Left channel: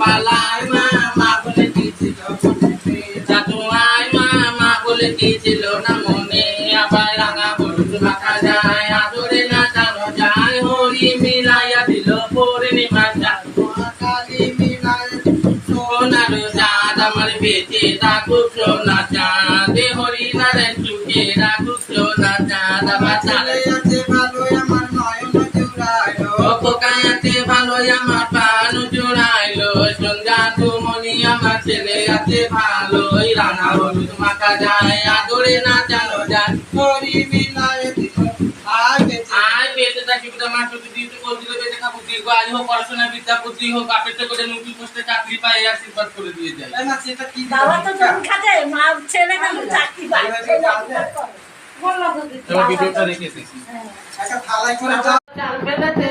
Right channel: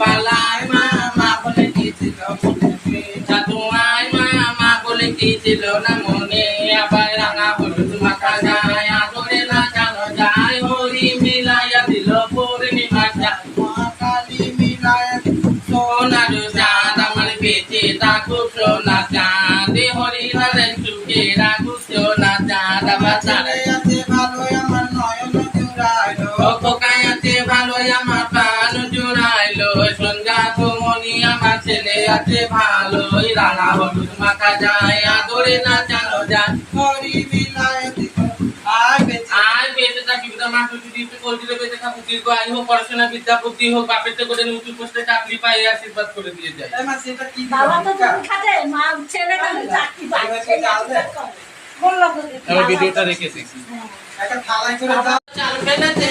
পালায় মা মা বলে কি ছিল দাদু আয় মা মা বলে কি ছিল না মনে আবার রাঙা হলুদ মাখা যায় আদরে না জানো যায় হরি মিলাইয়া দিল পূর্ণিমা চাঁদ কালী মিলাইয়া সোনার চাঁদ আমার বেঁচে থাকুক সোনা চাঁদ হরি নারায়ণ চুকে রাখুক সোনা চাঁদ আবার চলে আছে ভালো আমার নয়ন জুড়াইলো খোকায় আছে ভালো আমার প্রাণ জুড়াইলো সন্ধ্যা মনি আমার ছেলে আছে ভালো রাঙা হলুদ মাখা যায় আদরে না জানো যায় হরি মিলাইয়া দিল আয় বেঁচে থাকি মা যদি দিতে বলছিল বেঁচে থাকো দীর্ঘ আয়ু হোক পড়াশোনা বিদ্যাপতি হোক বাপের থেকে করে নতুন পোস্টে চাকরি পাই আশীর্বাদ করে দিয়ে যায় বাবা তো জমি খাটে মা ছেলে কেমন চাকরি পায় ভিডিওটা রেখেছি একটা থালায় করে চাল ফেলেছে